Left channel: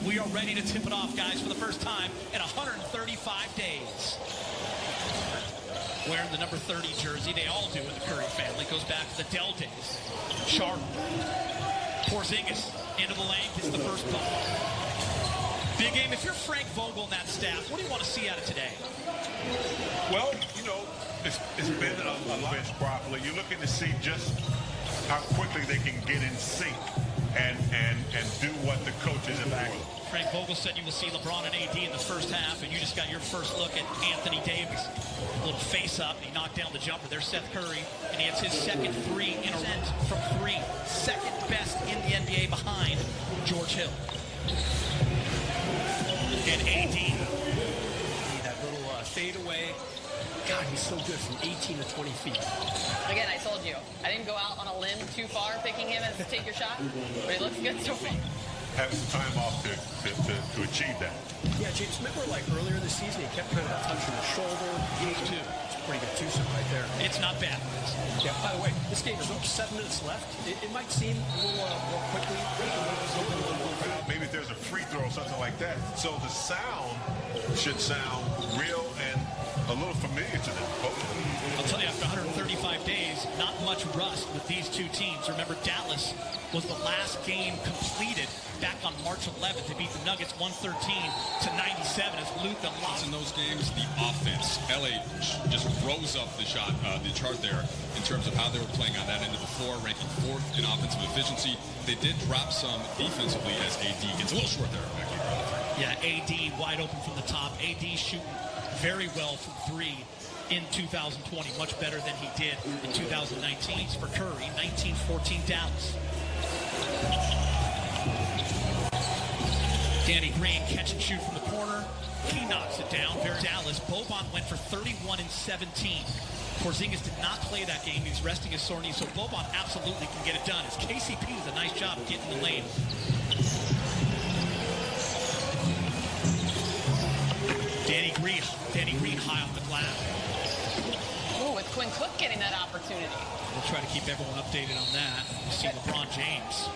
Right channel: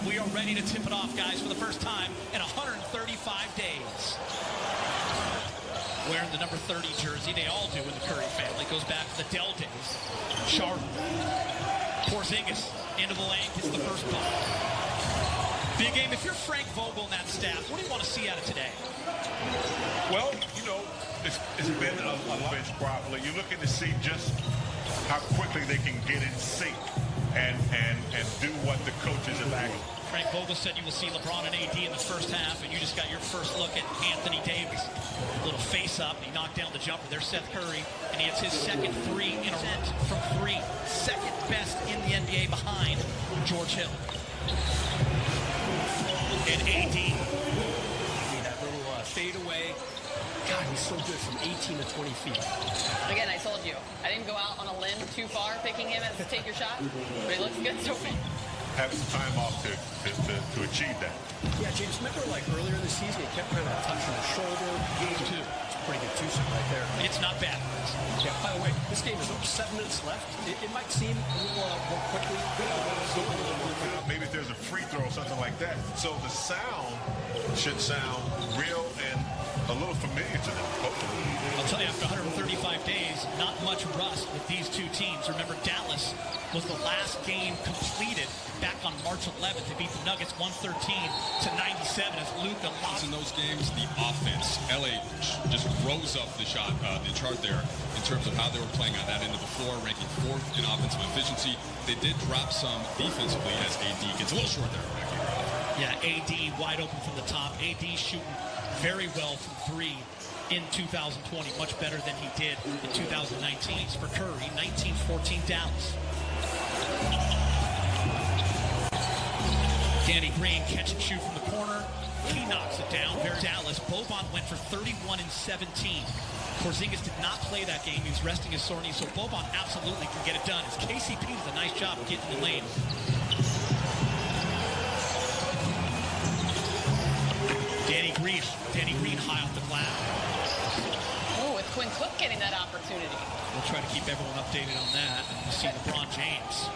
and we are ready to tip it off, guys, for the first time in 135 days. Wearing the number 30 jersey, they all do in the Curry family. Goes back to the Dell days. Charlotte. Porzingis into the lane, gets the first bucket. Big game. If you're Frank Vogel and that staff, what do you want to see out of today? Well, you know, it's been a lot properly. You're looking to see just how quickly they can get in sync and do what the coaches have asked them. Frank Vogel said you will see LeBron and AD in the first half, and you just got your first look at Anthony Davis. Little face-up, and he knocked down the jumper. There's Seth Curry, and he hits his second three in a row from three. Second best in the NBA behind George Hill. And AD. That little fadeaway. God, he's so good from 18 to 20 feet. Again, I told you, I didn't go out on a limb too far picking him as take your shot, but he looks good so far. Having some time off to achieve that. Yeah, James, remember like earlier in the season, he kept kind of touching the shoulder. Two. It's a pretty good twosome right there. It's not bad, Rez. Yeah, by the way, this game is over 7 minutes left. It might seem a little more quickly, going a little more quickly. Maybe if there's a free throw or something like that. So the sound should sound real and a little familiar to them, hopefully. I'll tell you, after 135 days, not much rust with these two teams. Remember, Dallas was the last game completed back on March 11th to beat the Nuggets 113-97 as Luka lost. In those games, the offense, LA just rose up the chart there in terms of how they were playing on that end of the floor, ranking 4th in offensive efficiency. They did drop some defensively as AD gets a little short there. Yeah, AD wide open from the top. AD shooting very well from three in 2020, much better than he did in 2019. Points for Curry, 19-14 Dallas. Danny Green catch and shoot from the corner. He knocks it down. Very Dallas. Boban went for 31 and 17. Porzingis did not play that game. He was resting his sore knee, so Boban absolutely can get it done. As KCP does a nice job of getting in the lane. Danny Green high off the glass. Oh, with Quinn Cook getting that opportunity. We'll try to keep everyone updated on that. You see LeBron James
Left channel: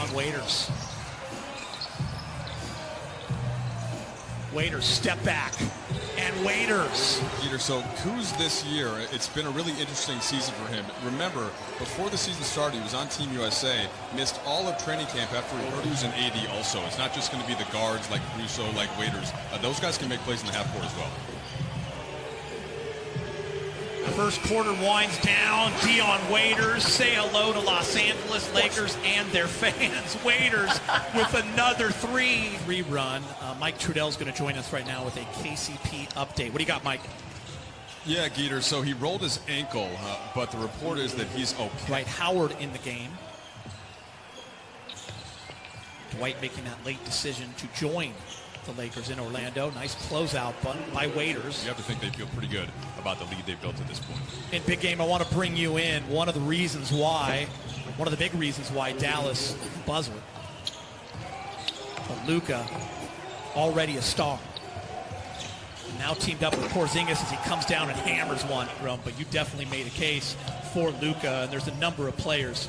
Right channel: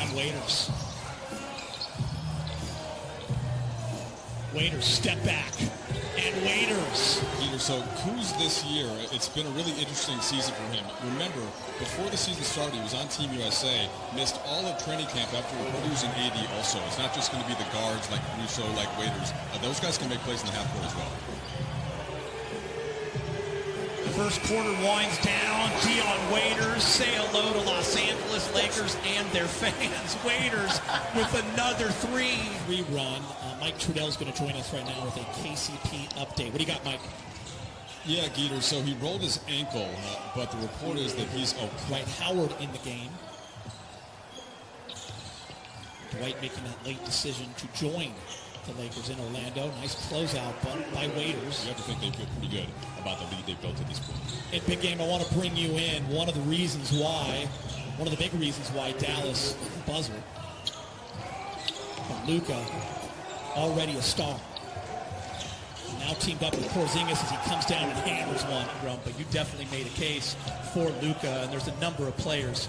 on Waiters. Waiters, step back. And Waiters. Peter, so Kuz this year, it's been a really interesting season for him. Remember, before the season started, he was on Team USA, missed all of training camp after he heard he was an AD also. It's not just going to be the guards like Russo, like Waiters. Those guys can make plays in the half court as well. First quarter winds down. Dion Waiters, say hello to Los Angeles Lakers and their fans. Waiters with another three. Rerun. Mike Trudell's going to join us right now with a KCP update. What do you got, Mike? Yeah, Geeter, so he rolled his ankle, but the report is that he's okay. Dwight Howard in the game. Dwight making that late decision to join the Lakers in Orlando. Nice closeout by Waiters. You have to think they feel pretty good about the lead they've built at this point. In big game, I want to bring you in. One of the big reasons why Dallas buzzed. But Luka, already a star. And now teamed up with Porzingis as he comes down and hammers one. But you definitely made a case for Luka, and there's a number of players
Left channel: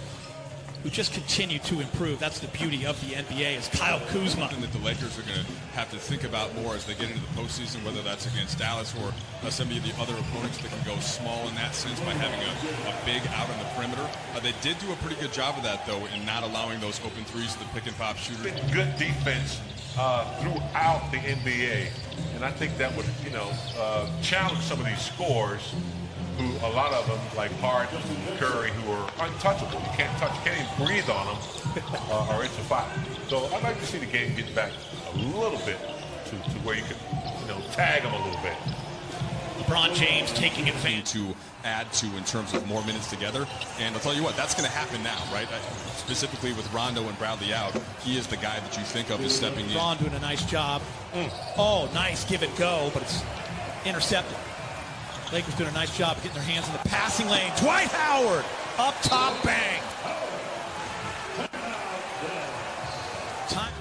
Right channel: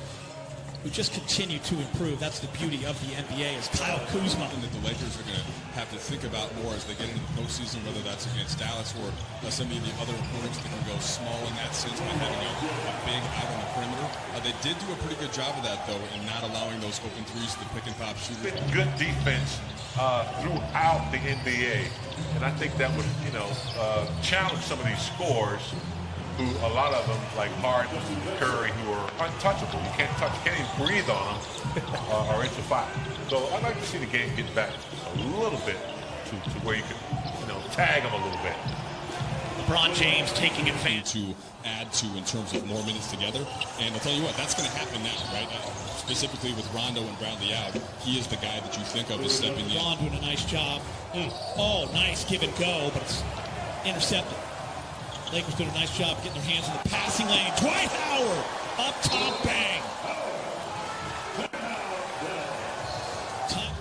who just continue to improve. That's the beauty of the NBA is Kyle Kuzma. Something that the Lakers are going to have to think about more as they get into the postseason, whether that's against Dallas or some of the other opponents that can go small in that sense by having a big out on the perimeter. They did do a pretty good job of that, though, in not allowing those open threes to the pick-and-pop shooters. Good defense throughout the NBA, and I think that would, challenge some of these scorers who, a lot of them, like Harden and Curry, who are untouchable. You can't even breathe on them, or it's a foul. So I'd like to see the game get back a little bit to where you could, tag them a little bit. LeBron James taking advantage. To add to in terms of more minutes together. And I'll tell you what, that's going to happen now, right? Specifically with Rondo and Bradley out, he is the guy that you think of as stepping in. Ron doing a nice job. Oh, nice give and go, but it's intercepted. Lakers doing a nice job of getting their hands in the passing lane. Dwight Howard, up top, bang. Time.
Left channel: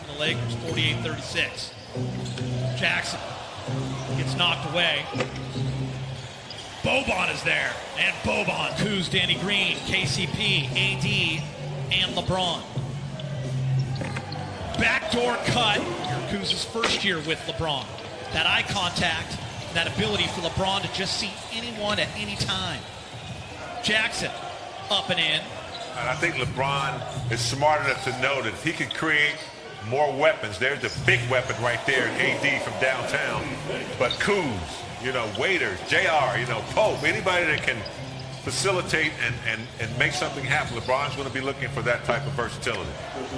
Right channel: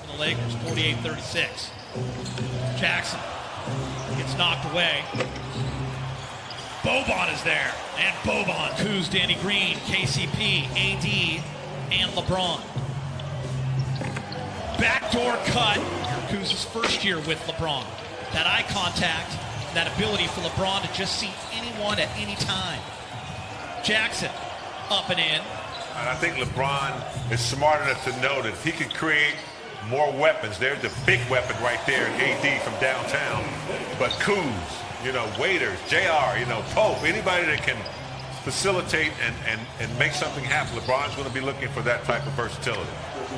For the Lakers, 48-36. Jackson gets knocked away. Boban is there. And Boban. Kuz, Danny Green, KCP, AD, and LeBron. Backdoor cut. Kuz's first year with LeBron. That eye contact, that ability for LeBron to just see anyone at any time. Jackson, up and in. And I think LeBron is smart enough to know that if he can create more weapons, there's a big weapon right there in AD from downtown. But Kuz, Waiters, JR, Pope, anybody that can facilitate and make something happen, LeBron's going to be looking for that type of versatility.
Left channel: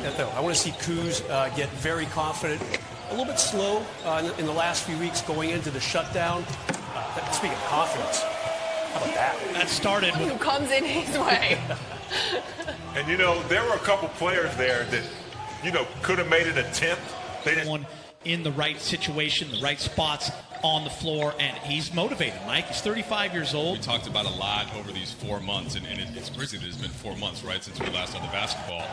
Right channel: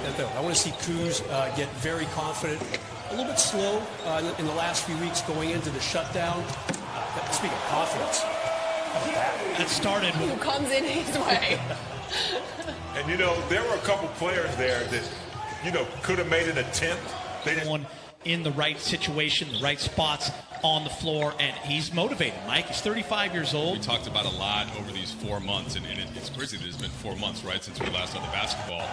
I want to see Kuz get very confident. A little bit slow in the last few weeks going into the shutdown. Speaking of confidence, how about that? That started with... Who comes in his way. And, there were a couple players there that, could have made an attempt. They didn't. One in the right situation, the right spots on the floor, and he's motivated, Mike. He's 35 years old. We talked about a lot over these 4 months, and it's crazy that it's been 4 months, right, since we last saw the basketball.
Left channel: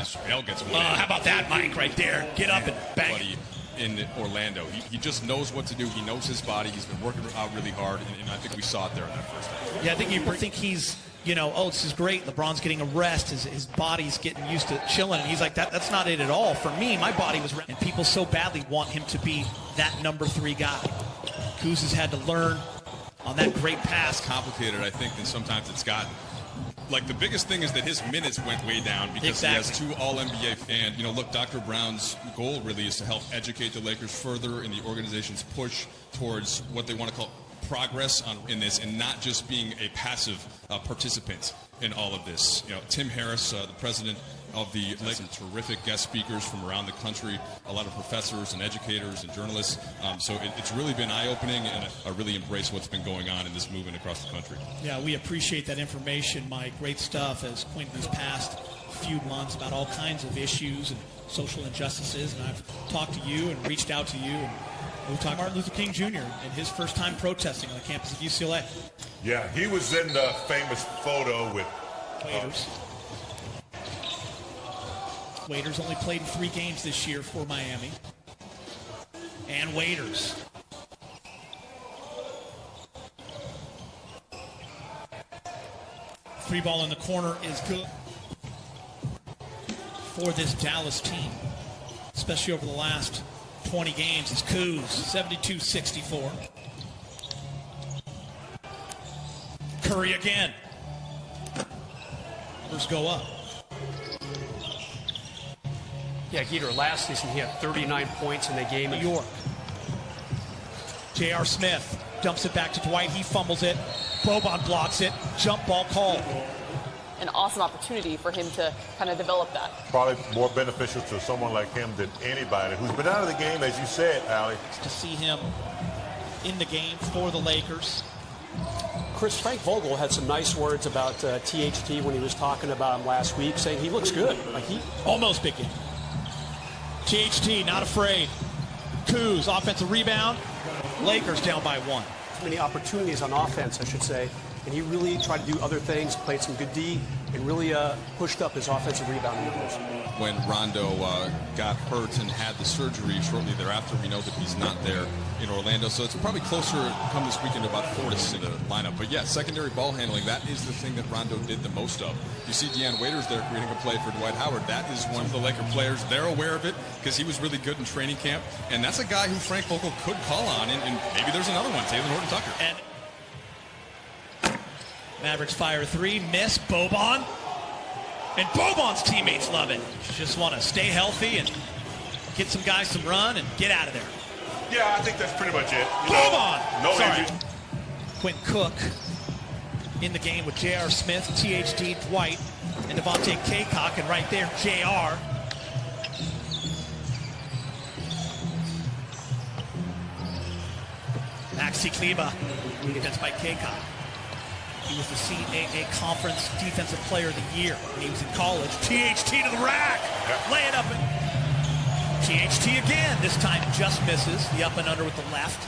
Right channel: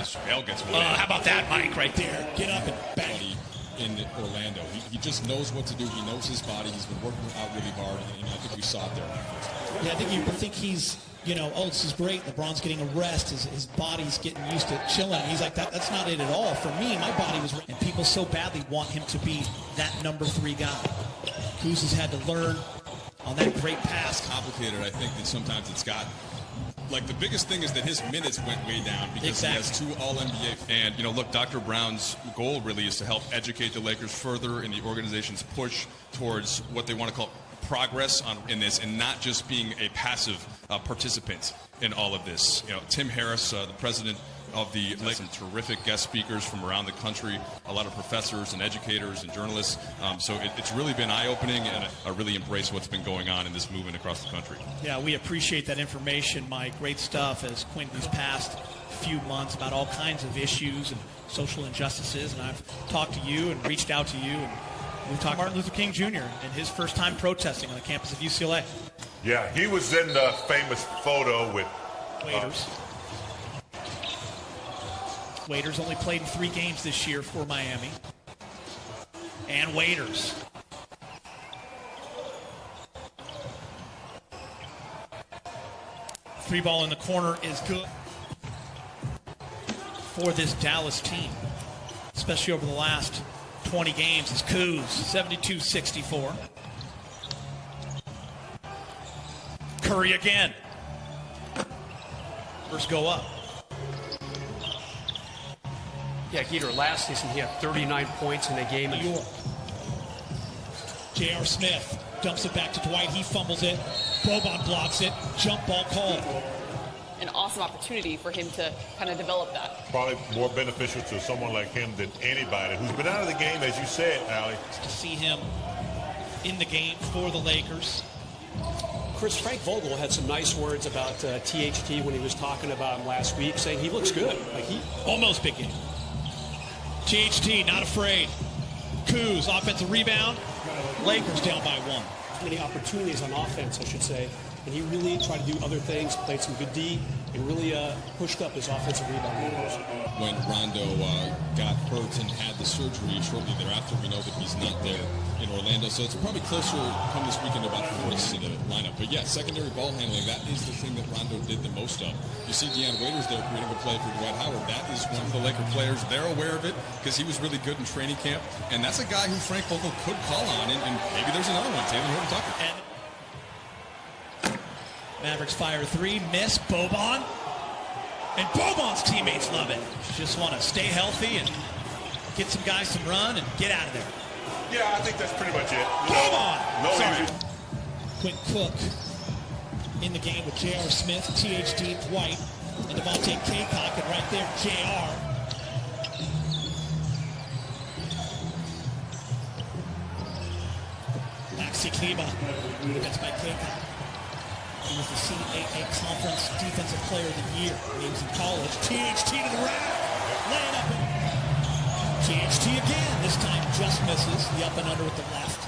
As JaVale gets one in. How about that, Mike, right there? Get up and bang. Buddy in Orlando. He just knows what to do. He knows his body. He's been working out really hard, and I think we saw it there in that first half. Yeah, I think he's, this is great. LeBron's getting a rest. His body's getting used to chilling. He's like, that's not it at all. For me, my body was... And people so badly want him to be that number 3 guy. Kuz has had to learn on that great pass. Complicated, I think, than sometimes it's gotten. Like, the biggest thing is that his minutes went way down because he has 2 All-NBA. And, look, Dr. Brown's goal really is to help educate the Lakers further in the organization's push towards what they want to call progress in this, and not just being a passive participant in all of this. Tim Harris, the president of the Lakers, some terrific guest speakers from around the country, a lot of professors and educators and journalists. So it's really been eye-opening, and I really embrace what's been going on in this movement across the country. Yeah, we appreciate that information, Mike. Great stuff as Quinn these past few months about all kinds of issues and social injustices. And I've talked to you and reached out to you, and we've talked Martin Luther King Jr. and his first time protesting on the campus of UCLA. Yeah, he was in the famous photo with Waiters. Waiters only played in 3 games this year for Miami. And Waiters. Free ball in the corner is good for this Dallas team, especially over the last 20 games. It's Kuz, 72-64. Curry again. Numbers go up. Yeah, Geeter, last season he had 39 points in a game. New York. J.R. Smith dumps it back to Dwight. He fumbles it. Boban blocks it. Jump ball called. An awesome opportunity for him to kind of develop that. Probably more beneficial to someone like him than anybody who's been out of the game, as you said, Allie. To see him in the game for the Lakers. Chris, Frank Vogel had some nice words about THT when he was talking about him last week, saying he looks good. Like he almost big game. THT not afraid. Kuz, offensive rebound. Lakers down by 1. Many opportunities on offense, I should say, and he really tried to do other things, played some good D, and really pushed up his offensive rebound numbers. When Rondo got hurt and had the surgery shortly thereafter, we know that he's not there in Orlando. So it's probably closer come this weekend to about 4 in the lineup. But yeah, secondary ball handling, that is the thing that Rondo did the most of. You see Deanne Waiters there creating a play for Dwight Howard. That is one of the Laker players. They're aware of it because he was really good in training camp. And that's a guy who Frank Vogel could call on. And maybe there's another one, Taylor Horton-Tucker. And Mavericks fire 3, miss. Boban. And Boban's teammates love it. Just want to stay healthy and get some guys some run and get out of there. Yeah, I think that's pretty much it. Boban! No Sorry. injuries. Quentin Cook in the game with J.R. Smith, THD, Dwight, and Devontae Kaycock, and right there, J.R. Maxi Kleba against Mike Kaycock. He was the CAA Conference Defensive Player of the Year when he was in college. THT to the rack. Yep. Lay it up. THT again. This time just misses. The up and under with the left.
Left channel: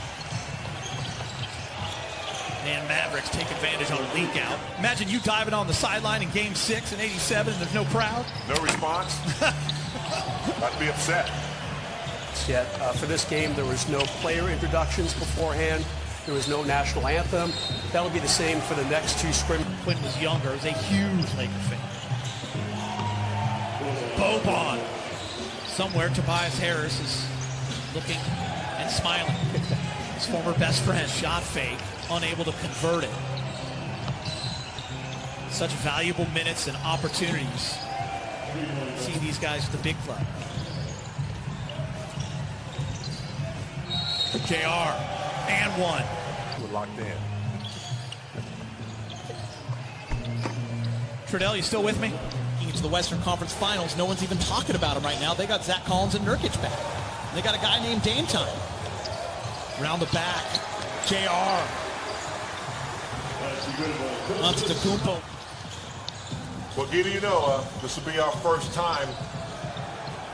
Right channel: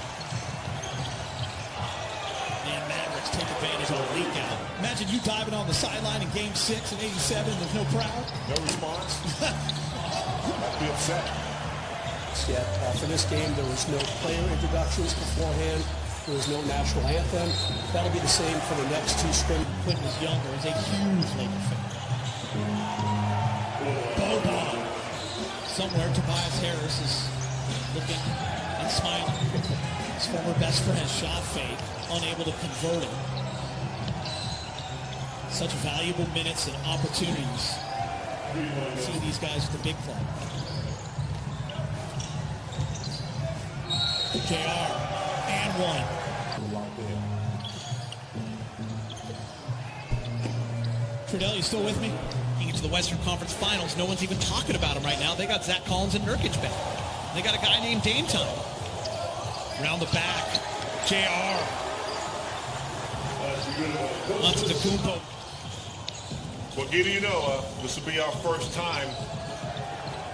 And Mavericks take advantage on a leak out. Imagine you diving on the sideline in Game 6 in '87 and there's no crowd. No response. I'd be upset. Yet for this game, there was no player introductions beforehand. There was no national anthem. That'll be the same for the next two scrimmages. Quinn was younger. He's a huge Laker fan. Boban. Somewhere Tobias Harris is looking and smiling. His former best friend, shot fake, unable to convert it. Such valuable minutes and opportunities. See these guys at the big club. JR, and one. We're locked in. Trudell, you still with me? Into the Western Conference Finals, no one's even talking about him right now. They got Zach Collins and Nurkic back. And they got a guy named Dame Time. Around the back, JR. Antetokounmpo. Well, Giddy, you know, this will be our first time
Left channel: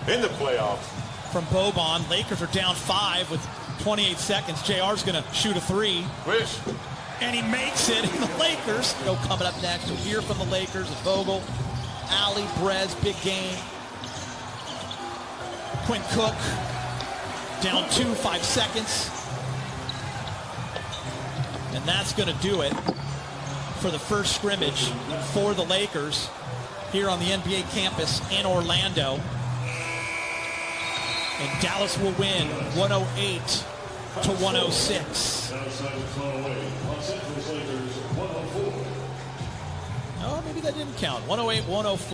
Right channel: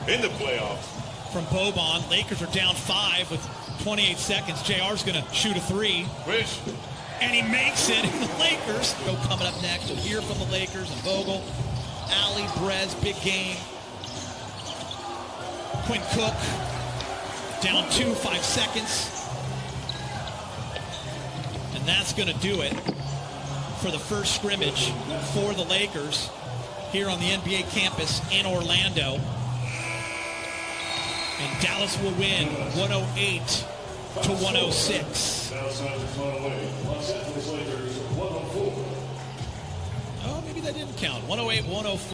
in the playoffs. From Boban, Lakers are down 5 with 28 seconds. JR's going to shoot a 3. Rich. And he makes it. And the Lakers coming up next. We'll hear from the Lakers and Vogel. Ali, Brez, big game. Quinn Cook, down 2, 5 seconds. And that's going to do it for the first scrimmage for the Lakers here on the NBA campus in Orlando. And Dallas will win 108-106. Oh, maybe that didn't count. 108-104.